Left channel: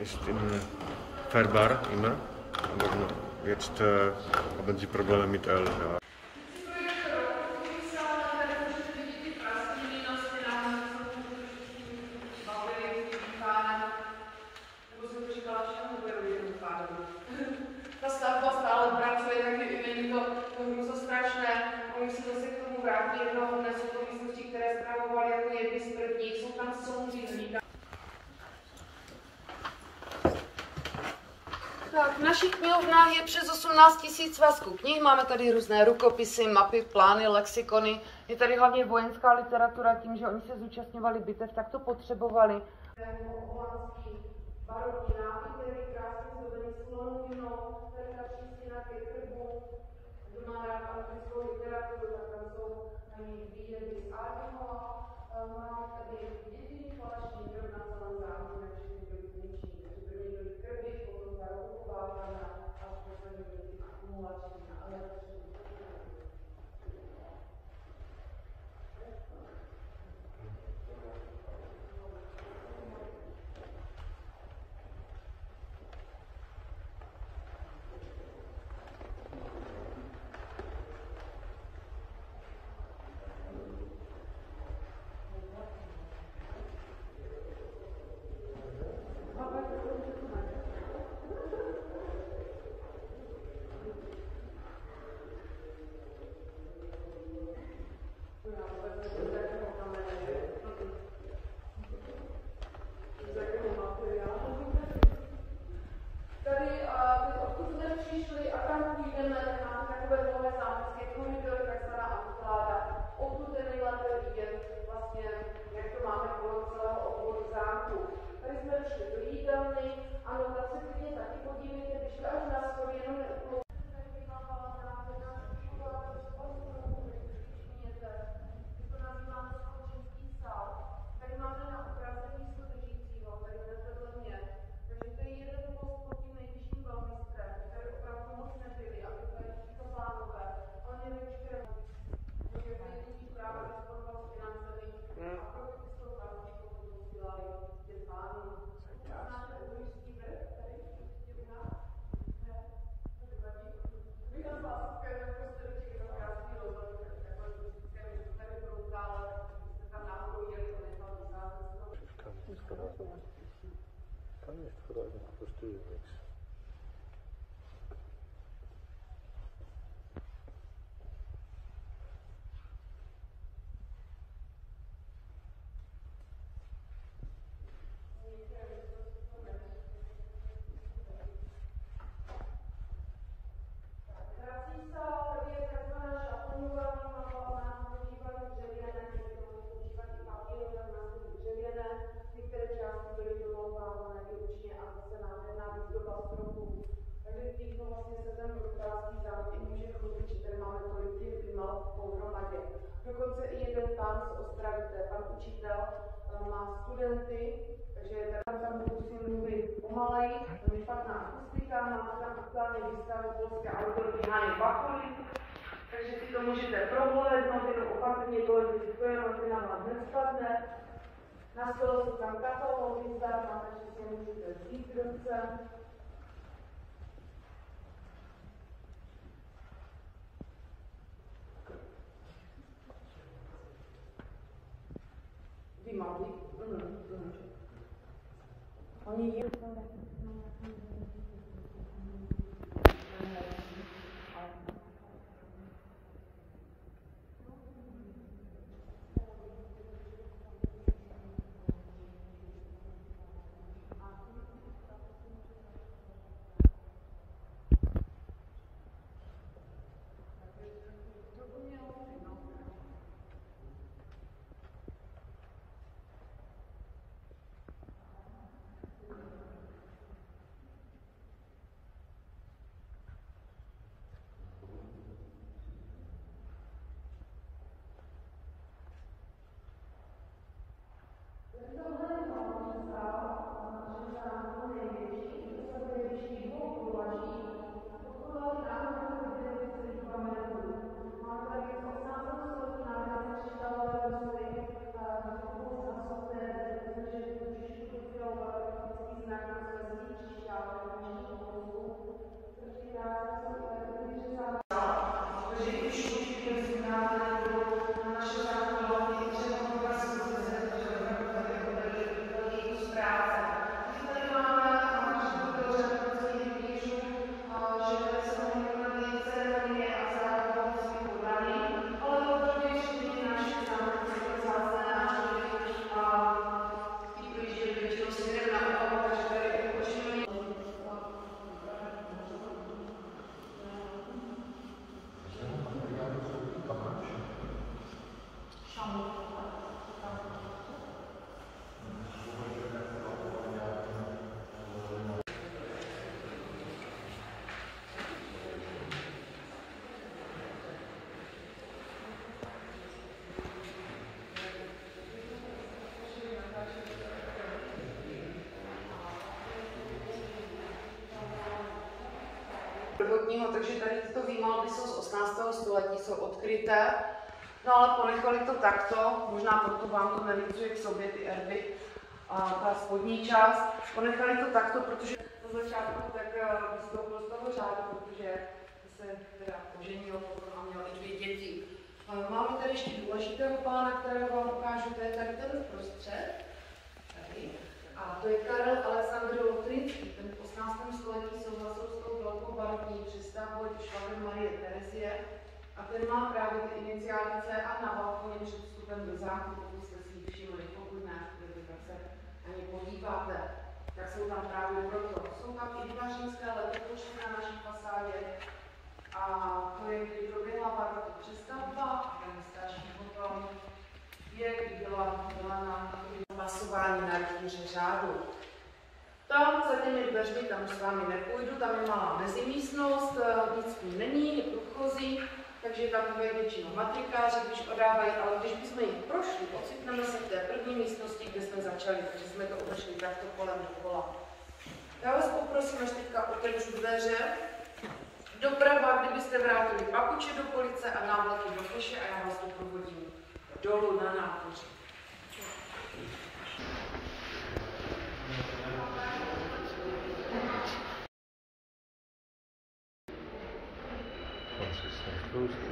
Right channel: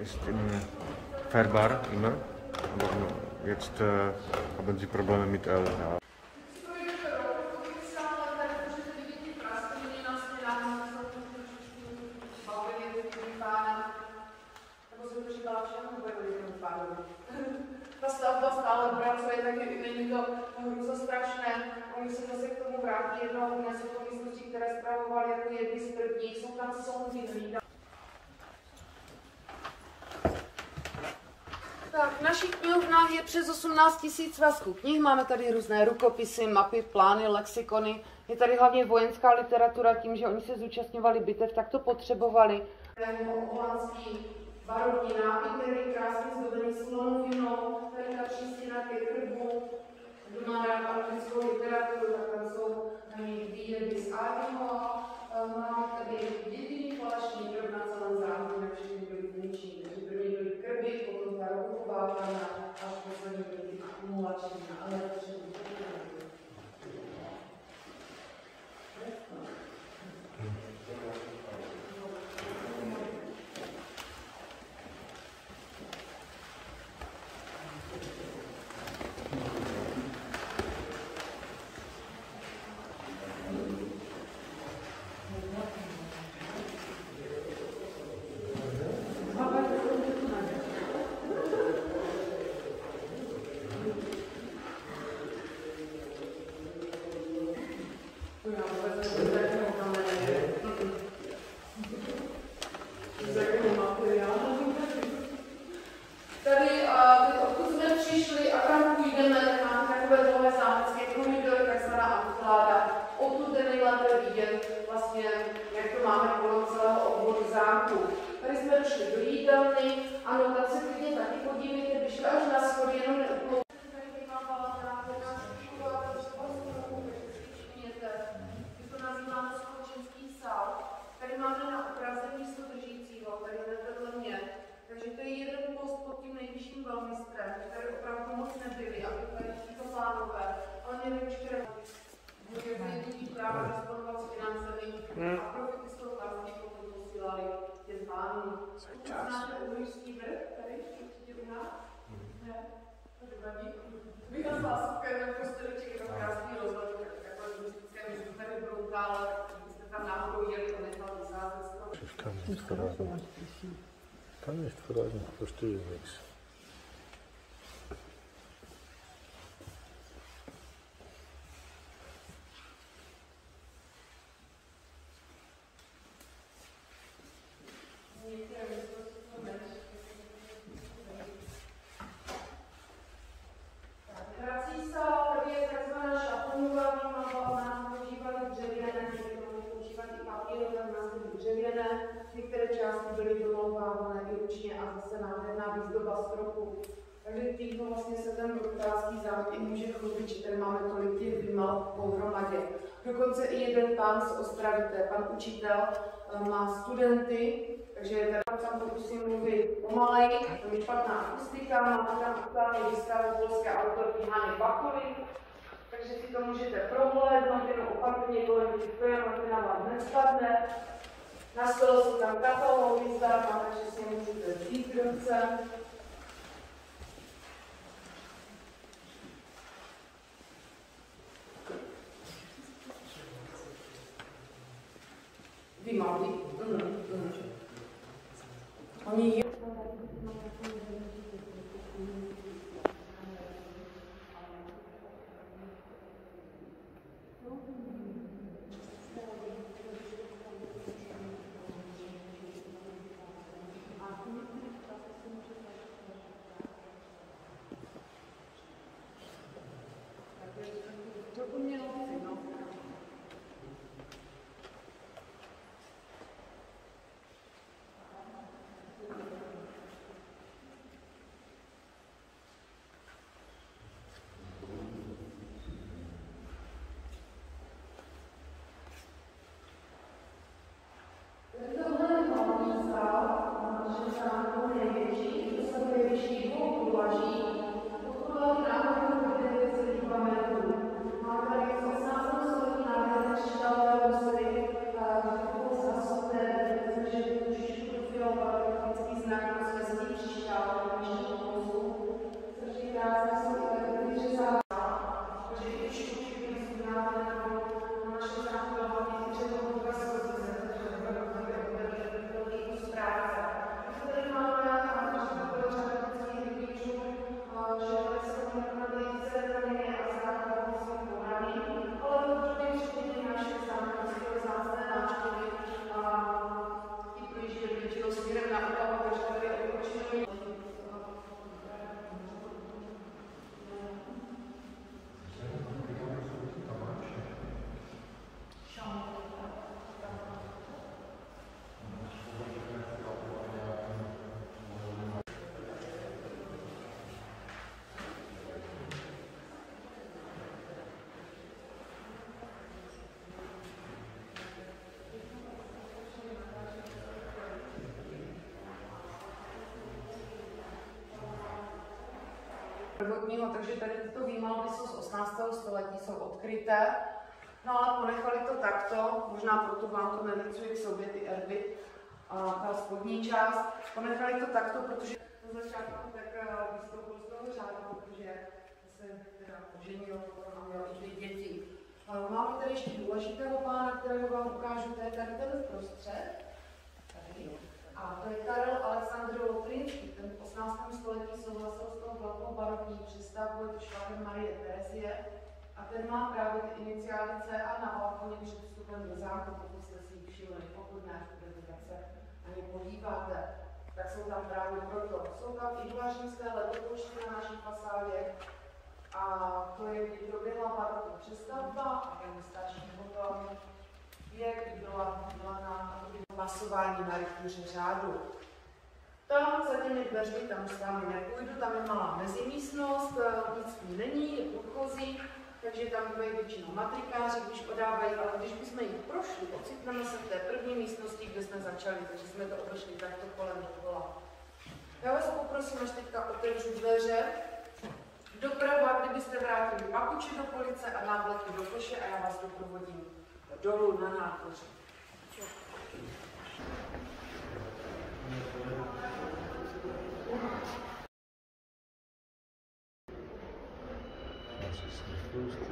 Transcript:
Ist fährbar immer. Jetzt haben sie Probleme mit Öl. Ja. Ta stavba stále pracuje, takže i není to hrůzostrašné. Oni se zase k tomu vrátí jednoho dne, jsou to místnosti, které zpravovali jako jedny z prvních, jsou tam soudři. Tak, v našich knihovnách je přes 18 000 svazků knih, máme tady různé rukopisy, mapy, plány, lexikony. Je tady hlavně vojenská literatura, tím, že oni se zúčastňovali bitev, tak to potřebovali. Holandský barokní nábytek, krásně zdobený slonovinou, tady ta přístina ke krbu, kdo má rád anglickou literaturu, tak tam jsou výjevy z Ádiho. Máme tady jediný falešný krb na celém zámku, na všechny byly zničí. Takže první byly krby, potom ta roková pana a poslední byly akumulační na elektřinu. Kann nicht verreisen, verstehe nichts. Některé části byly domlouvávané i ručně a zase nádherná výzdoba stropu. Takže tímto vlastně se ten Bruktálský zámek i může chlubit, že tady máme tolik těch vymal pohromadě. Dokonce i jeden pán z Ostravy, to je pan učitel, má studenty, takže tady tam pokusím mluvit pomaleji, to je špatná akustika, máte tam aktuální výstavu polské autorky Hány Bakuly, takže si to můžete prohlédnout, jenom opatrně kolem těch pojemnotná vám nespadne. Na stole jsou tam katalogy zdarma, takže si můžete vzít v ruce. Vivaldi. Oni prvotního, takže tady tyto výmalby jsou z 18. století, jsou odkryté. No ale ponechali to takto, možná proto vám to nelicuje k sobě ty erby, a ta spodní část. Ponechali to takto, protože po začátku tak vystoupil z toho řádu, protože se teda oženil potom a měl i 2 děti. Máme tady ještě důležitého pána, kterého vám ukážu, to je tady ten uprostřed. Tady. A to je Karel Alexandr Lotrinský, ten v 18. století souhlasil s tou velkou barokní přestavbou, je to švagr Marie Terezie. A ten má právě ty iniciály C a na balkoně před vstupem do zámku, pokud jste si ji všimli, pokud ne, tak se na ně podíváte, tak jsou tam právě proto. Jsou tam i 2 římské letopočty na naší fasádě. A to je, kdy proběhla barokní přestavba a ten starší potom je, kdy byla na masování na rytíře řádu. Tam za těmi dveřmi, tam už s vámi nepůjdu, tam je malá mezimístnost, nic tím není, je průchozí, takže tam bývají většinou matrikáři, když odávají, ale když bychom jich prošli, ocitneme se v té první místnosti, kde jsme začali, takže jsme to obešli takto kolem dokola. Já vás poprosím, až teďka otevřu dveře. Doprava, kdybyste vrátili papuče do police a návleky do koše a já vás doprovodím dolů na nádvoří. Consistent close.